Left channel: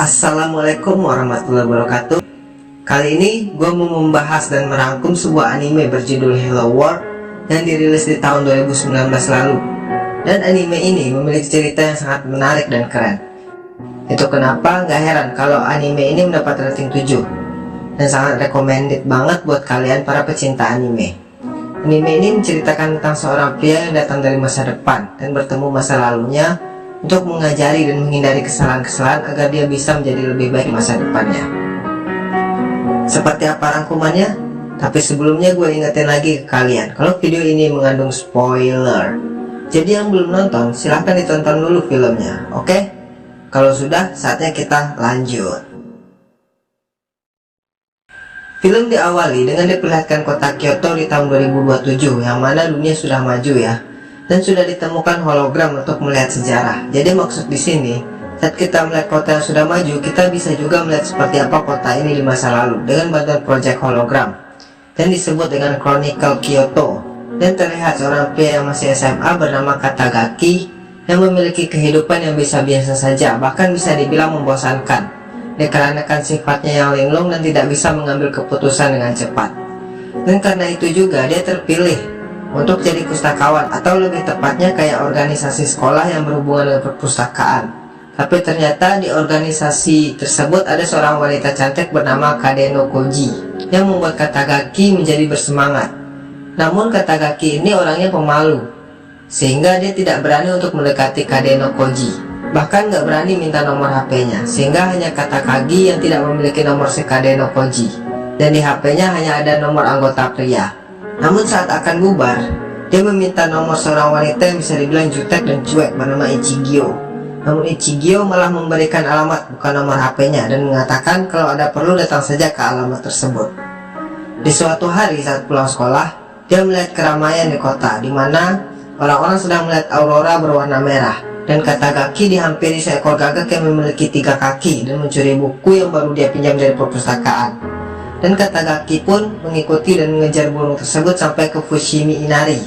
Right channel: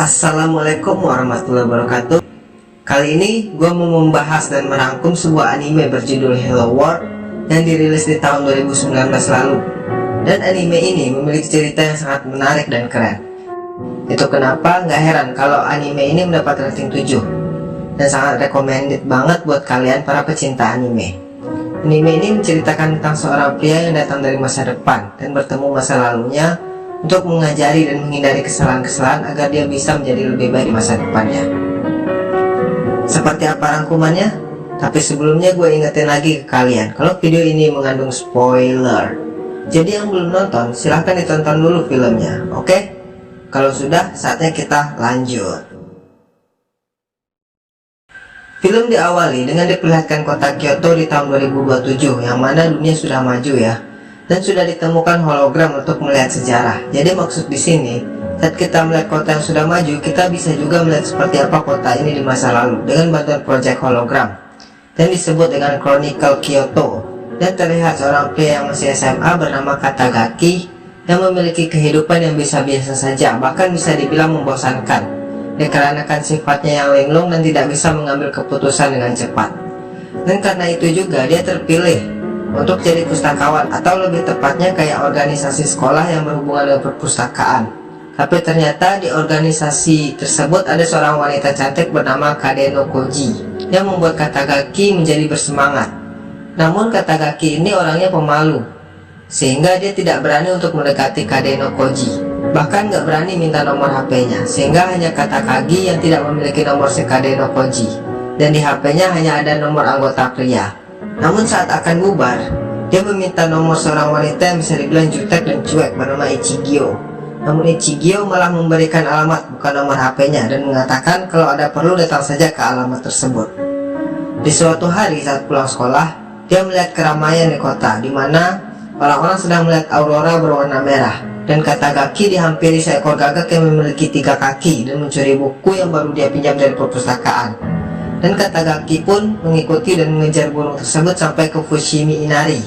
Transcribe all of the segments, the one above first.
Assalamualaikum warahmatullahi wabarakatuh. Kali ini gue mau membahas dan merangkum sebuah anime berjudul Hello World yang dirilis di tahun 2019 lalu. Dan anime ini memiliki cerita yang sangat menarik dan keren. Itu kenapa nggak heran kalau anime ini mendapat rating 7 dan sangat recommended banget buat kalian para pecinta anime. Anime ini menceritakan tentang seorang pria yang datang dari masa depan dan bertemu masa lalunya untuk mengajari dan menghindari kesalahan-kesalahan agar dia bisa menjadi lebih baik di masa depannya. Seperti apa rangkumannya? Tapi sebelumnya gue ingetin lagi ke kalian kalau video ini mengandung spoiler. Jadi yang belum nonton silahkan ditonton dulu filmnya, oke? Kalau sudah, saatnya kita lanjut. Film diawali dengan diperlihatkan kota Kyoto di tahun 2027, yang mana dunia sudah maju ya, dan sudah ditemukan hologram untuk melihat sejarah. Jadi maksud di sini, saat kita melihat kota yang sudah maju, kita bisa juga melihat seperti apa kota ini di masa lalu dengan bantuan proyek hologram, dan disebut dengan Chronicle Kyoto. Dan terlihat seorang pria yang masih SMA bernama Katagaki yang memiliki kehidupan yang biasa-biasa saja, bahkan bisa dibilang membosankan dikarenakan sifatnya yang linglung dan tidak bisa mengambil keputusan dengan cepat. Dan karena itu juga dia terpilih untuk jadi pustakawan, atau lebih tepatnya kayak organisasi sekolah yang berhubungan dengan perpustakaan. Tapi ternyata di organisasi tersebut ada seorang wanita cantik bernama Kadeno Koji yang membuat Katagaki menjadi bersemangat. Namun Katagaki ini orangnya pemalu, sehingga dia tidak berani untuk mendekati Kadeno Koji. Bahkan gak berani minta nomor HP-nya, sehingga hanya Katagaki yang tidak memiliki nomor si Kadeno Koji, dan di HP-nya hanya ada nomor anggota pria. Namun saat akan bubar, dia meminta nomor seorang wanita yang bisa dibilang jutek dan cuek bernama Ichigyo. Namun Ichigyo malah memberikan alamat bukan nomor HP-nya dan mengatakan kalau ada perlu datang saja ke alamat tersebut. Di suatu hari saat pulang sekolah, dia melihat keramaian di kota, di mana orang-orang sedang melihat aurora berwarna merah. Dan Katagaki dihampiri seekor gagak yang memiliki 3 kaki dan mencuri buku yang baru dia pinjam dari perpustakaan. Dan Katagaki pun mengikuti dan mengejar burung tersebut sampai ke Fushimi Inari.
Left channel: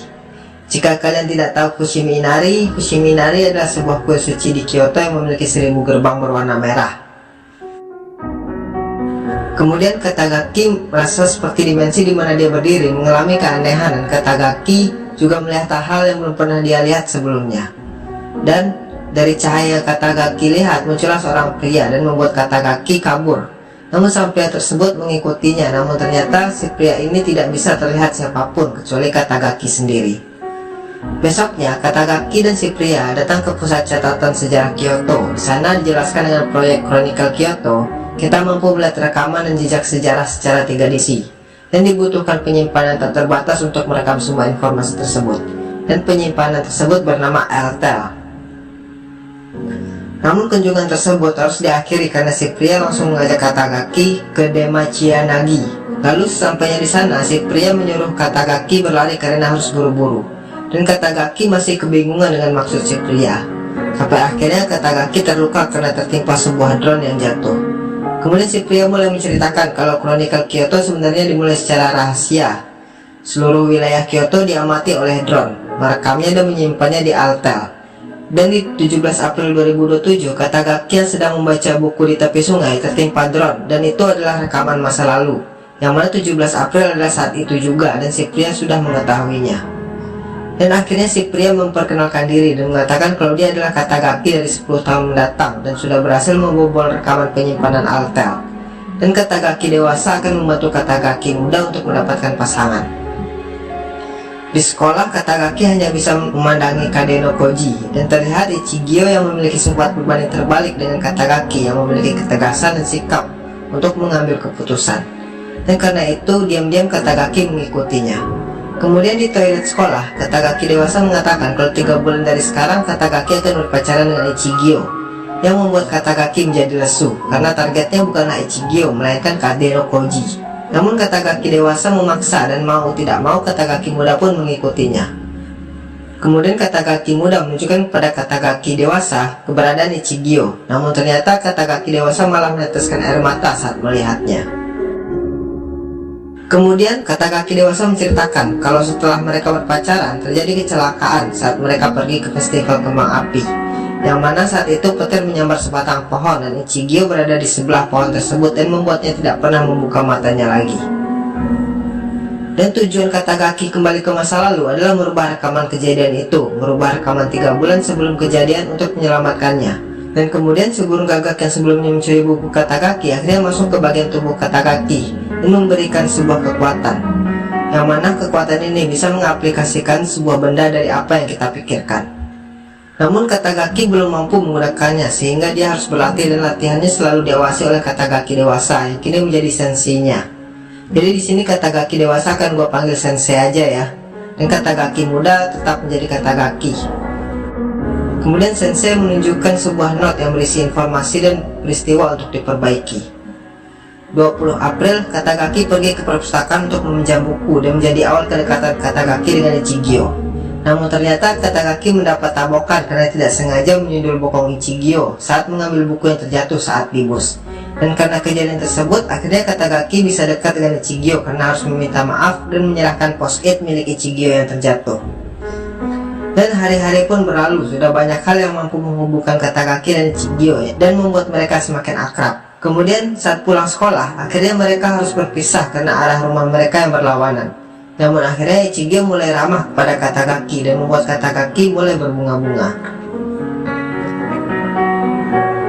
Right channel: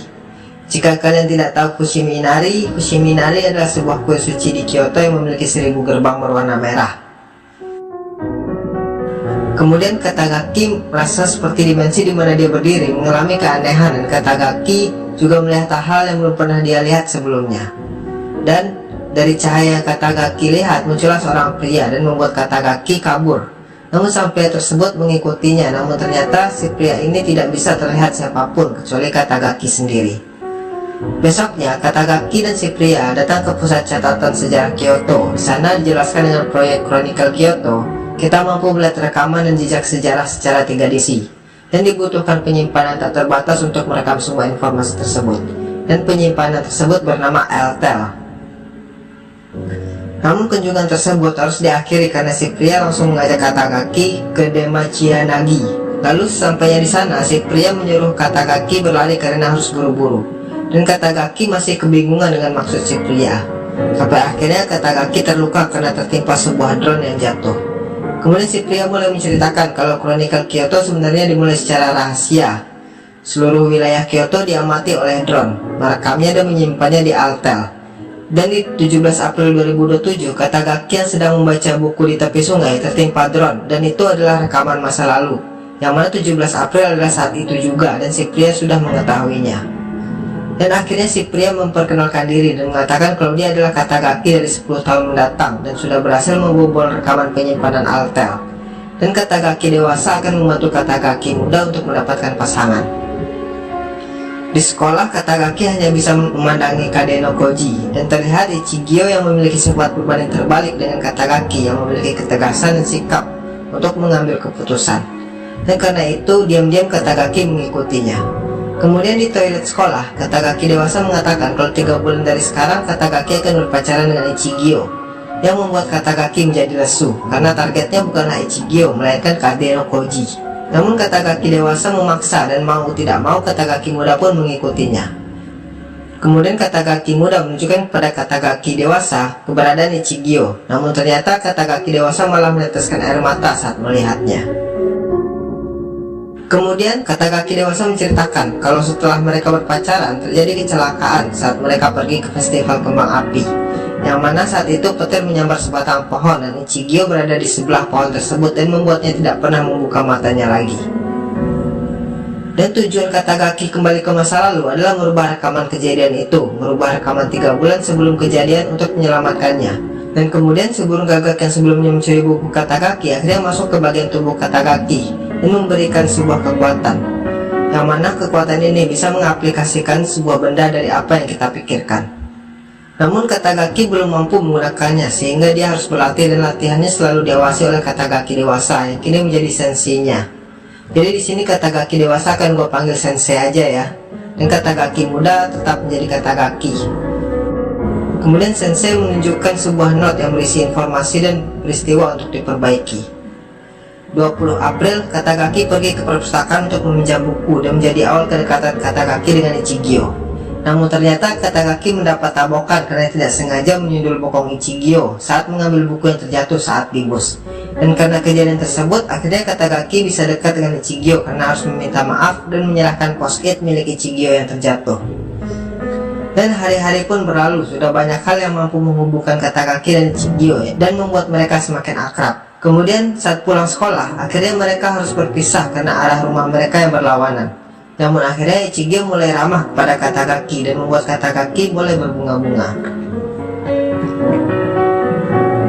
Jika kalian tidak tahu Fushimi Inari adalah sebuah kuil suci di Kyoto yang memiliki 1000 gerbang berwarna merah. Kemudian Katagaki merasa seperti dimensi di mana dia berdiri mengalami keanehan, dan Katagaki juga melihat hal yang belum pernah dia lihat sebelumnya. Dan dari cahaya yang Katagaki lihat muncullah seorang pria dan membuat Katagaki kabur. Namun sang pria tersebut mengikutinya, namun ternyata si pria ini tidak bisa terlihat siapapun kecuali Katagaki sendiri. Besoknya Katagaki dan si pria datang ke pusat catatan sejarah Kyoto. Di sana dijelaskan dengan proyek Chronicle Kyoto, kita mampu melihat rekaman dan jejak sejarah secara 3 dimensi, dan dibutuhkan penyimpanan tak terbatas untuk merekam semua informasi tersebut. Dan penyimpanan tersebut bernama Eltel. Namun kunjungan tersebut harus diakhiri karena si pria langsung mengajak Katagaki ke Demachianagi. Lalu sampainya di sana, si pria menyuruh Katagaki berlari karena harus buru-buru. Dan Katagaki masih kebingungan dengan maksud si pria. Sampai akhirnya Katagaki terluka karena tertimpa sebuah drone yang jatuh. Kemudian si pria mulai menceritakan kalau Chronicle Kyoto sebenarnya dimulai secara rahasia. Seluruh wilayah Kyoto diamati oleh drone, merekamnya dan menyimpannya di Altel. Dan di 17 April 2027, Katagaki yang sedang membaca buku di tepi sungai tertimpa drone, dan itu adalah rekaman masa lalu, yang mana 17 April adalah saat itu juga, dan si pria sudah mengetahuinya. Dan akhirnya si pria memperkenalkan diri dan mengatakan kalau dia adalah Katagaki dari 10 tahun mendatang dan sudah berhasil membobol rekaman penyimpanan Altel. Dan Katagaki dewasa akan membantu Katagaki muda untuk mendapatkan pasangan. Di sekolah, Katagaki hanya bisa memandangi Kadeno Koji, dan terlihat Ichigyo yang memiliki sifat berbanding terbalik dengan Katagaki yang memiliki ketegasan dan sikap untuk mengambil keputusan. Dan karena itu, diam-diam Katagaki mengikutinya. Kemudian di toilet sekolah, Katagaki dewasa mengatakan kalau 3 bulan dari sekarang Katagaki akan berpacaran dengan Ichigyo, yang membuat Katagaki menjadi lesu karena targetnya bukanlah Ichigyo melainkan Kadeno Koji. Namun Katagaki dewasa memaksa, dan mau tidak mau Katagaki muda pun mengikutinya. Kemudian Katagaki muda menunjukkan kepada Katagaki dewasa keberadaan Ichigyo. Namun ternyata Katagaki dewasa malah meneteskan air mata saat melihatnya. Kemudian Katagaki dewasa menceritakan kalau setelah mereka berpacaran terjadi kecelakaan saat mereka pergi ke festival kembang api. yang mana saat itu petir menyambar sebatang pohon dan Ichigyo berada di sebelah pohon tersebut dan membuatnya tidak pernah membuka matanya lagi. Dan tujuan Katagaki kembali ke masa lalu adalah merubah rekaman kejadian itu, merubah rekaman 3 bulan sebelum kejadian untuk menyelamatkannya. Dan kemudian si burung gagak yang sebelumnya mencuri buku Katagaki akhirnya masuk ke bagian tubuh Katagaki dan memberikan sebuah kekuatan, yang mana kekuatan ini bisa mengaplikasikan sebuah benda dari apa yang kita pikirkan. Namun Katagaki belum mampu menggunakannya sehingga dia harus berlatih dan latihannya selalu diawasi oleh Katagaki dewasa yang kini menjadi senseinya. Jadi di sini Katagaki dewasa akan gue panggil sensei aja ya, dan Katagaki muda tetap menjadi Katagaki. Kemudian sensei menunjukkan sebuah note yang berisi informasi dan peristiwa untuk diperbaiki. 20 April, Katagaki pergi ke perpustakaan untuk meminjam buku dan menjadi awal kedekatan Katagaki dengan Ichigyo. Namun ternyata Katagaki mendapat tabokan karena tidak sengaja menyundul bokong Ichigyo saat mengambil buku yang terjatuh saat di bus. Dan karena kejadian tersebut, akhirnya Katagaki bisa dekat dengan Ichigyo karena harus meminta maaf dan menyerahkan post-it milik Ichigyo yang terjatuh. Dan hari-hari pun berlalu, sudah banyak hal yang mampu menghubungkan Katagaki dan Ichigyo dan membuat mereka semakin akrab. Kemudian saat pulang sekolah, akhirnya mereka harus berpisah karena arah rumah mereka yang berlawanan. Namun akhirnya Ichigyo mulai ramah kepada Katagaki dan membuat Katagaki mulai berbunga-bunga.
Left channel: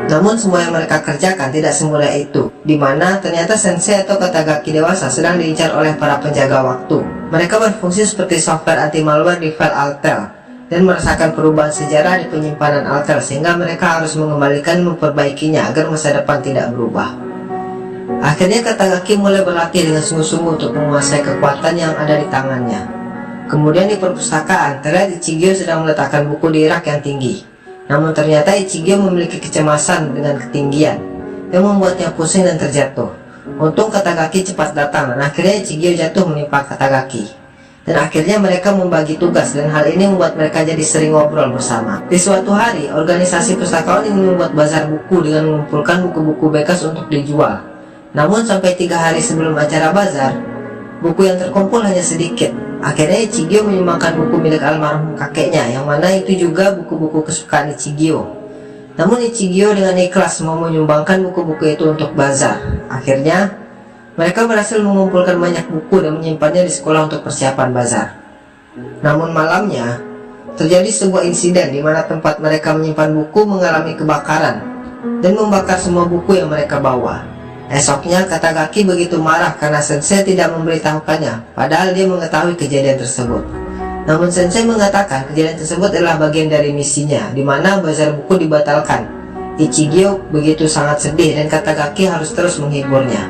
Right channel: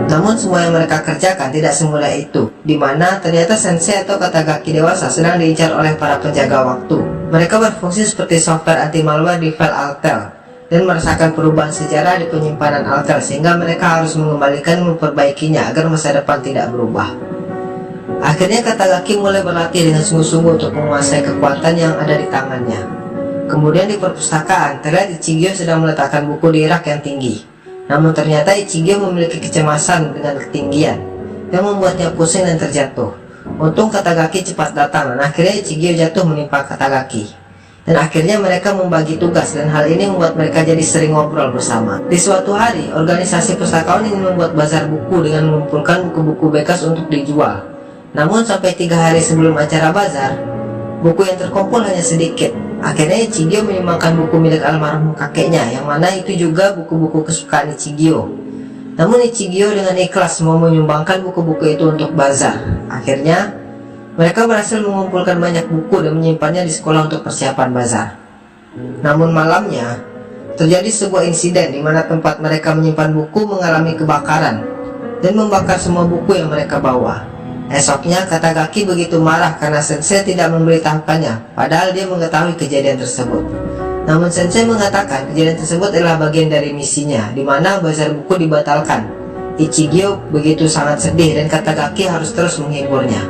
Namun semua yang mereka kerjakan tidak semudah itu, dimana ternyata sensei atau Katagaki dewasa sedang diincar oleh para penjaga waktu. Mereka berfungsi seperti software anti-malware di file Altel dan merasakan perubahan sejarah di penyimpanan Altel sehingga mereka harus mengembalikan dan memperbaikinya agar masa depan tidak berubah. Akhirnya Katagaki mulai berlatih dengan sungguh-sungguh untuk menguasai kekuatan yang ada di tangannya. Kemudian di perpustakaan, terlihat Ichigyo sedang meletakkan buku di rak yang tinggi. Namun ternyata Ichigyo memiliki kecemasan dengan ketinggian yang membuatnya pusing dan terjatuh. Untung Katagaki cepat datang dan akhirnya Ichigyo jatuh menimpa Katagaki. Dan akhirnya mereka membagi tugas dan hal ini membuat mereka jadi sering ngobrol bersama. Di suatu hari, organisasi pustakawan ini membuat bazar buku dengan mengumpulkan buku-buku bekas untuk dijual. Namun sampai 3 hari sebelum acara bazar, buku yang terkumpul hanya sedikit. Akhirnya Ichigyo menyumbangkan buku milik almarhum kakeknya, yang mana itu juga buku-buku kesukaan Ichigyo. Namun Ichigyo dengan ikhlas mau menyumbangkan buku-buku itu untuk bazar. Akhirnya mereka berhasil mengumpulkan banyak buku dan menyimpannya di sekolah untuk persiapan bazar. Namun malamnya terjadi sebuah insiden di mana tempat mereka menyimpan buku mengalami kebakaran dan membakar semua buku yang mereka bawa. Esoknya Katagaki begitu marah karena sensei tidak memberitahukannya, padahal dia mengetahui kejadian tersebut. Namun sensei mengatakan kejadian tersebut adalah bagian dari misinya, di mana bazar buku dibatalkan. Ichigyo begitu sangat sedih dan Katagaki harus terus menghiburnya.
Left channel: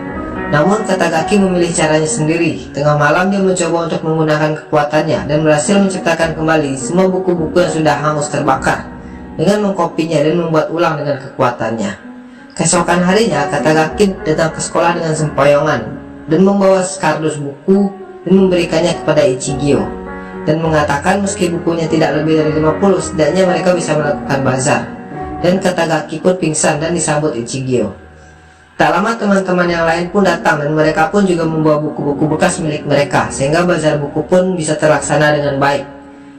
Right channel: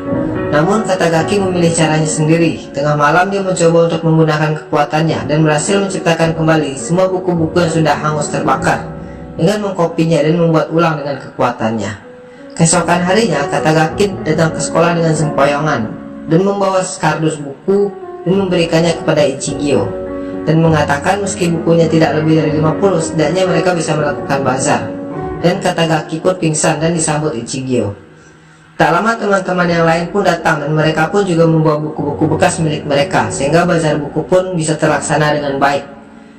Namun Katagaki memilih caranya sendiri. Tengah malam dia mencoba untuk menggunakan kekuatannya dan berhasil menciptakan kembali semua buku-buku yang sudah hangus terbakar dengan mengkopinya dan membuat ulang dengan kekuatannya. Keesokan harinya, Katagaki datang ke sekolah dengan sempoyongan dan membawa sekardus buku dan memberikannya kepada Ichigyo dan mengatakan meski bukunya tidak lebih dari 50, setidaknya mereka bisa melakukan bazar. Dan Katagaki pun pingsan dan disambut Ichigyo. Tak lama teman-teman yang lain pun datang dan mereka pun juga membawa buku-buku bekas milik mereka sehingga bazar buku pun bisa terlaksana dengan baik.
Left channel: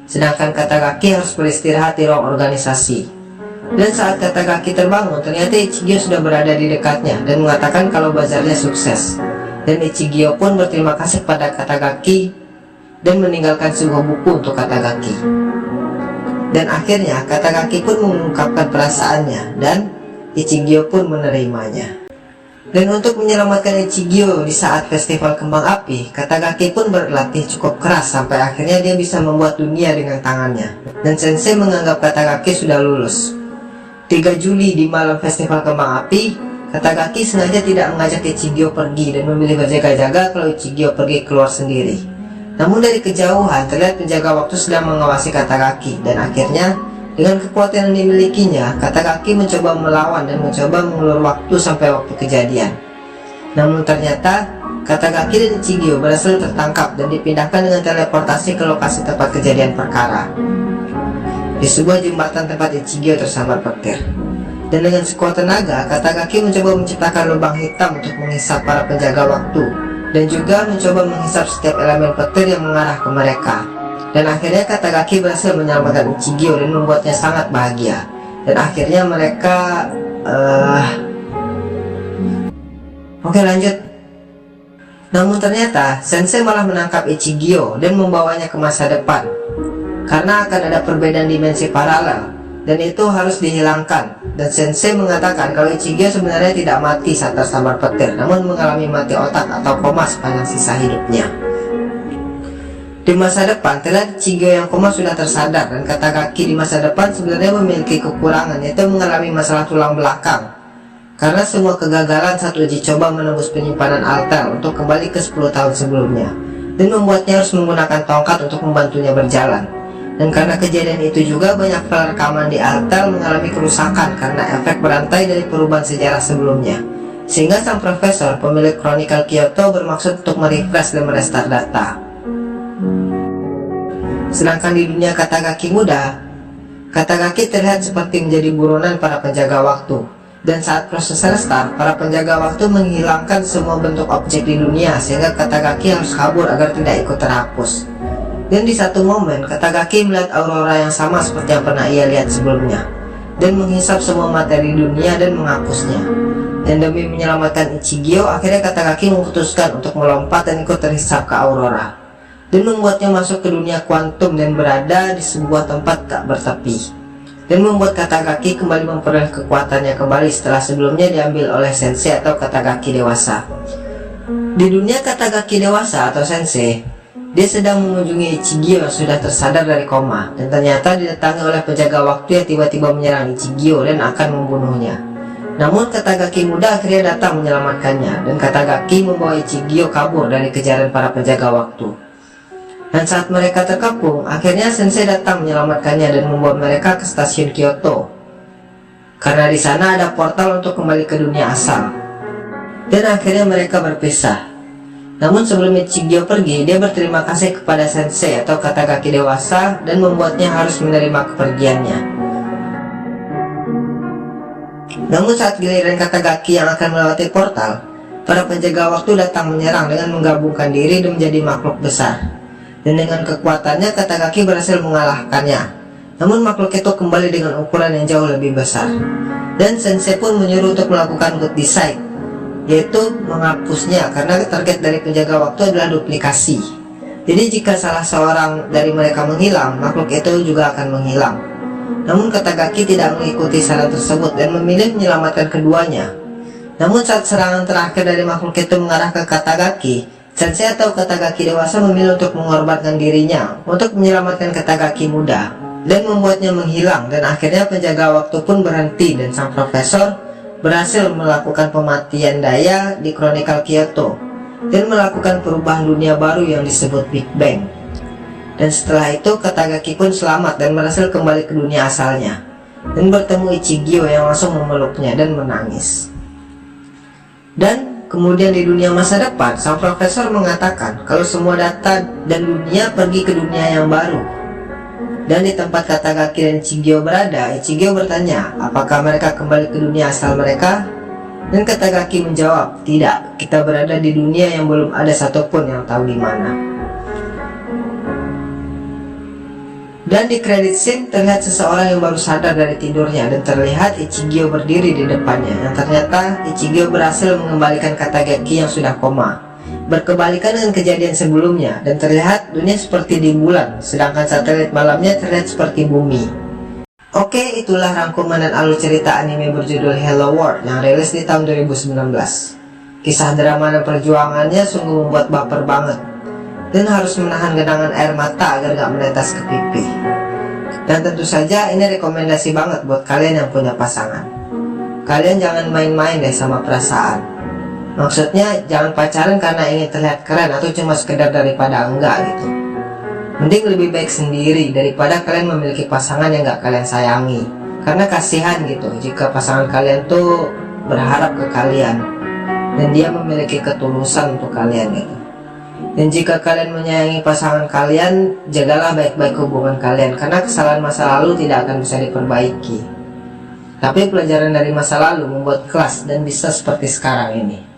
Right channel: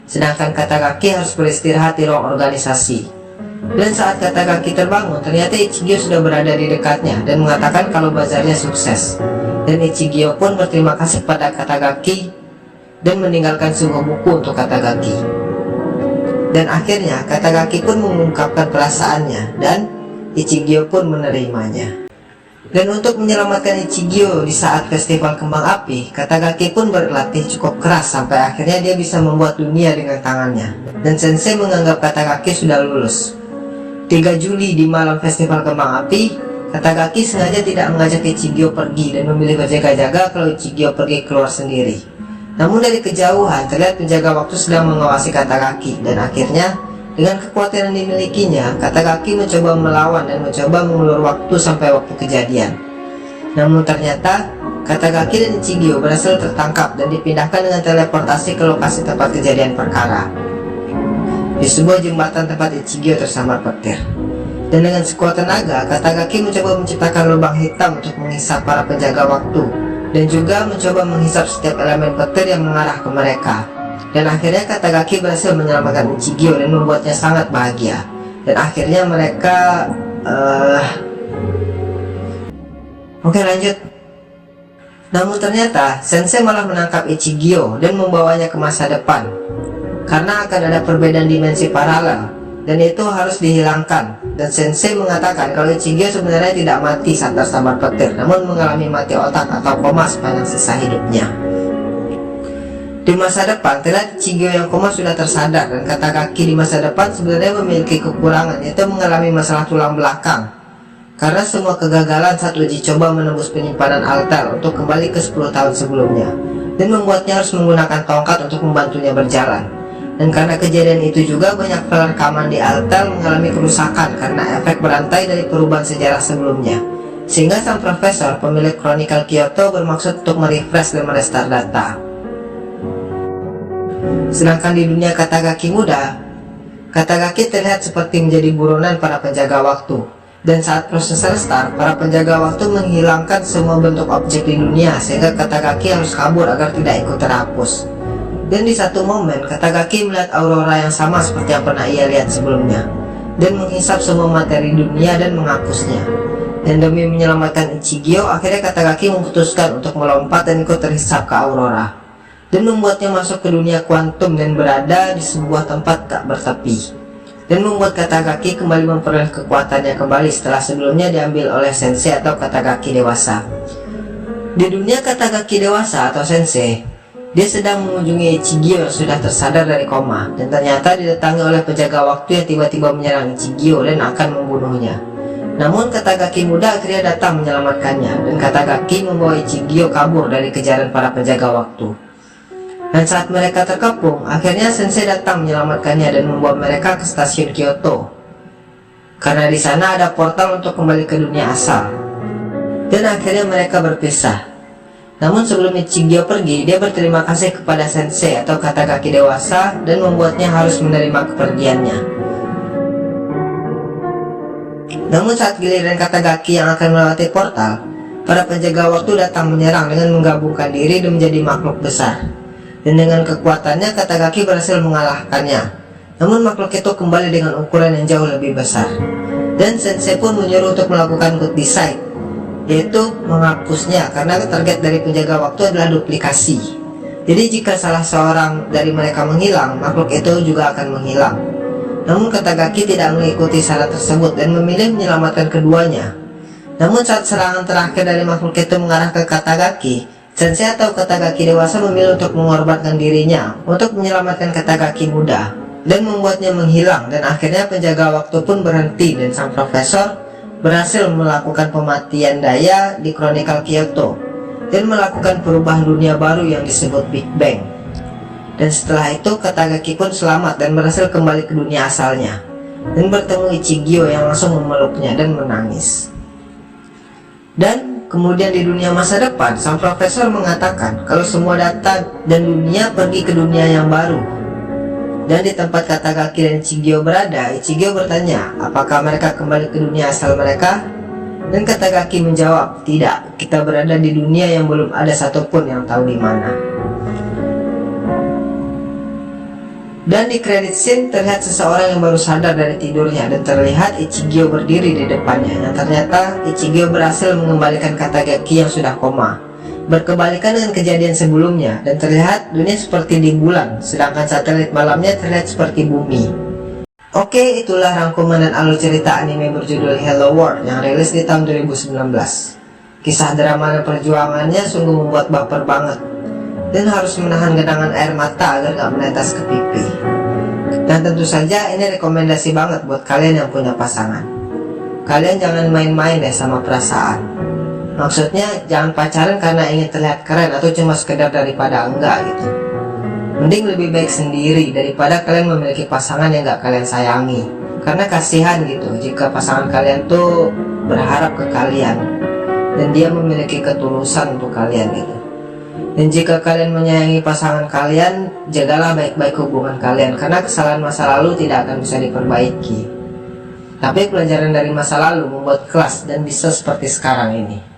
Sedangkan Katagaki harus beristirahat di ruang organisasi. Dan saat Katagaki terbangun, ternyata Ichigyo sudah berada di dekatnya dan mengatakan kalau bazarnya sukses. Dan Ichigyo pun berterima kasih kepada Katagaki dan meninggalkan sebuah buku untuk Katagaki. Dan akhirnya Katagaki pun mengungkapkan perasaannya dan Ichigyo pun menerimanya. Dan untuk menyelamatkan Ichigyo di saat festival kembang api, Katagaki pun berlatih cukup keras sampai akhirnya dia bisa membuat dunia dengan tangannya. Dan sensei menganggap Katagaki sudah lulus. 3 Juli di malam festival kembang api, Katagaki sengaja tidak mengajak Ichigyo pergi dan memilih berjaga-jaga kalau Ichigyo pergi keluar sendiri. Namun dari kejauhan terlihat penjaga waktu sedang mengawasi Katagaki dan akhirnya dengan kekuatan yang dimilikinya, Katagaki mencoba melawan dan mencoba mengulur waktu sampai waktu kejadian. Namun ternyata Katagaki dan Ichigyo berhasil tertangkap dan dipindahkan dengan teleportasi ke lokasi tempat kejadian perkara. Di sebuah jembatan tempat Ichigyo tersambar petir. Dan dengan sekuat tenaga, Katagaki mencoba menciptakan lubang hitam untuk menghisap para penjaga waktu dan juga mencoba menghisap setiap elemen petir yang mengarah ke mereka. Dan akhirnya Katagaki berhasil menyelamatkan Ichigyo dan membuatnya sangat bahagia. Dan akhirnya mereka Oke, lanjut. Namun ternyata Sensei malah menangkap Ichigyo dan membawanya ke masa depan, karena akan ada perbedaan dimensi paralel dan itu harus dihilangkan. Dan Sensei mengatakan kalau Ichigyo sebenarnya tidak mati saat tersambar petir, namun mengalami mati otak atau koma sepanjang sisa hidupnya. Di masa depan terlihat Ichigyo yang koma sudah tersadar, dan Katagaki di masa depan sebenarnya memiliki kekurangan, yaitu mengalami masalah tulang belakang karena semua kegagalan saat uji coba menembus penyimpanan Altel untuk kembali ke 10 tahun sebelumnya, dan membuatnya harus menggunakan tongkat untuk membantunya berjalan. Dan karena kejadian itu juga banyak file rekaman di Altel mengalami kerusakan karena efek berantai dari perubahan sejarah sebelumnya, sehingga sang profesor pemilik Chronicle Kyoto bermaksud untuk merefresh dan merestart data. Sedangkan di dunia Katagaki muda, Katagaki terlihat seperti menjadi buronan para penjaga waktu. Dan saat proses restart, para penjaga waktu menghilangkan semua bentuk objek di dunia, sehingga Katagaki harus kabur agar tidak ikut terhapus. Dan di satu momen, Katagaki melihat aurora yang sama seperti yang pernah ia lihat sebelumnya, dan menghisap semua materi dunia dan menghapusnya. Dan demi menyelamatkan Ichigyo, akhirnya Katagaki memutuskan untuk melompat dan ikut terhisap ke aurora, dan membuatnya masuk ke dunia kuantum dan berada di sebuah tempat tak bertepi, dan membuat Katagaki kembali memperoleh kekuatannya kembali setelah sebelumnya diambil oleh Sensei atau Katagaki dewasa. Di dunia Katagaki dewasa atau Sensei, dia sedang mengunjungi Ichigyo yang sudah tersadar dari koma, dan ternyata didatangi oleh penjaga waktu yang tiba-tiba menyerang Ichigyo dan akan membunuhnya. Namun Katagaki muda akhirnya datang menyelamatkannya, dan Katagaki membawa Ichigyo kabur dari kejaran para penjaga waktu. Dan saat mereka terkepung, akhirnya Sensei datang menyelamatkannya dan membawa mereka ke stasiun Kyoto, karena di sana ada portal untuk kembali ke dunia asal. Dan akhirnya mereka berpisah. Namun sebelum Ichigyo pergi, dia berterima kasih kepada Sensei atau Katagaki dewasa dan membuatnya harus menerima kepergiannya. Namun saat giliran Katagaki yang akan melewati portal, para penjaga waktu datang menyerang dengan menggabungkan diri dan menjadi makhluk besar. Dan dengan kekuatannya Katagaki berhasil mengalahkannya. Namun makhluk itu kembali dengan ukuran yang jauh lebih besar. Dan Sensei pun menyuruh untuk melakukan good decide, yaitu menghapusnya, karena target dari penjaga waktu adalah duplikasi. Jadi jika salah seorang dari mereka menghilang, makhluk itu juga akan menghilang. Namun Katagaki tidak mengikuti saran tersebut dan memilih menyelamatkan keduanya. Namun saat serangan terakhir dari makhluk itu mengarah ke Katagaki, Sensei atau Katagaki dewasa memilih untuk mengorbankan dirinya untuk menyelamatkan Katagaki muda dan membuatnya menghilang. Dan akhirnya penjaga waktu pun berhenti dan sang profesor berhasil melakukan pematian daya di Chronicle Kyoto dan melakukan perubahan dunia baru yang disebut Big Bang. Dan setelah itu Katagaki pun selamat dan berhasil kembali ke dunia asalnya dan bertemu Ichigyo yang langsung memeluknya dan menangis. Dan kemudian di dunia masa depan, sang profesor mengatakan kalau semua data dan dunia pergi ke dunia yang baru. Dan di tempat Katagaki dan Ichigyo berada, Ichigyo bertanya apakah mereka kembali ke dunia asal mereka. Dan Katagaki menjawab, tidak, kita berada di dunia yang belum ada satupun yang tahu di mana. Dan di credit scene terlihat seseorang yang baru sadar dari tidurnya, dan terlihat Ichigyo berdiri di depannya. Yang ternyata Ichigyo berhasil mengembalikan Katagaki yang sudah koma, berkebalikan dengan kejadian sebelumnya, dan terlihat dunia seperti di bulan, sedangkan satelit malamnya terlihat seperti bumi. Oke, itulah rangkuman dan alur cerita anime berjudul Hello World yang rilis di tahun 2019. Kisah drama dan perjuangannya sungguh membuat baper banget, dan harus menahan genangan air mata agar gak menetes ke pipi. Dan tentu saja ini rekomendasi banget buat kalian yang punya pasangan. Kalian jangan main-main deh sama perasaan. Maksudnya jangan pacaran karena ingin terlihat keren atau cuma sekedar daripada enggak gitu. Mending lebih baik sendiri daripada kalian memiliki pasangan yang gak kalian sayangi. Karena kasihan gitu jika pasangan kalian tuh berharap ke kalian dan dia memiliki ketulusan untuk kalian gitu. Dan jika kalian menyayangi pasangan kalian, jagalah baik-baik hubungan kalian, karena kesalahan masa lalu tidak akan bisa diperbaiki. Tapi pelajaran dari masa lalu membuat kelas dan bisa seperti sekarang ini.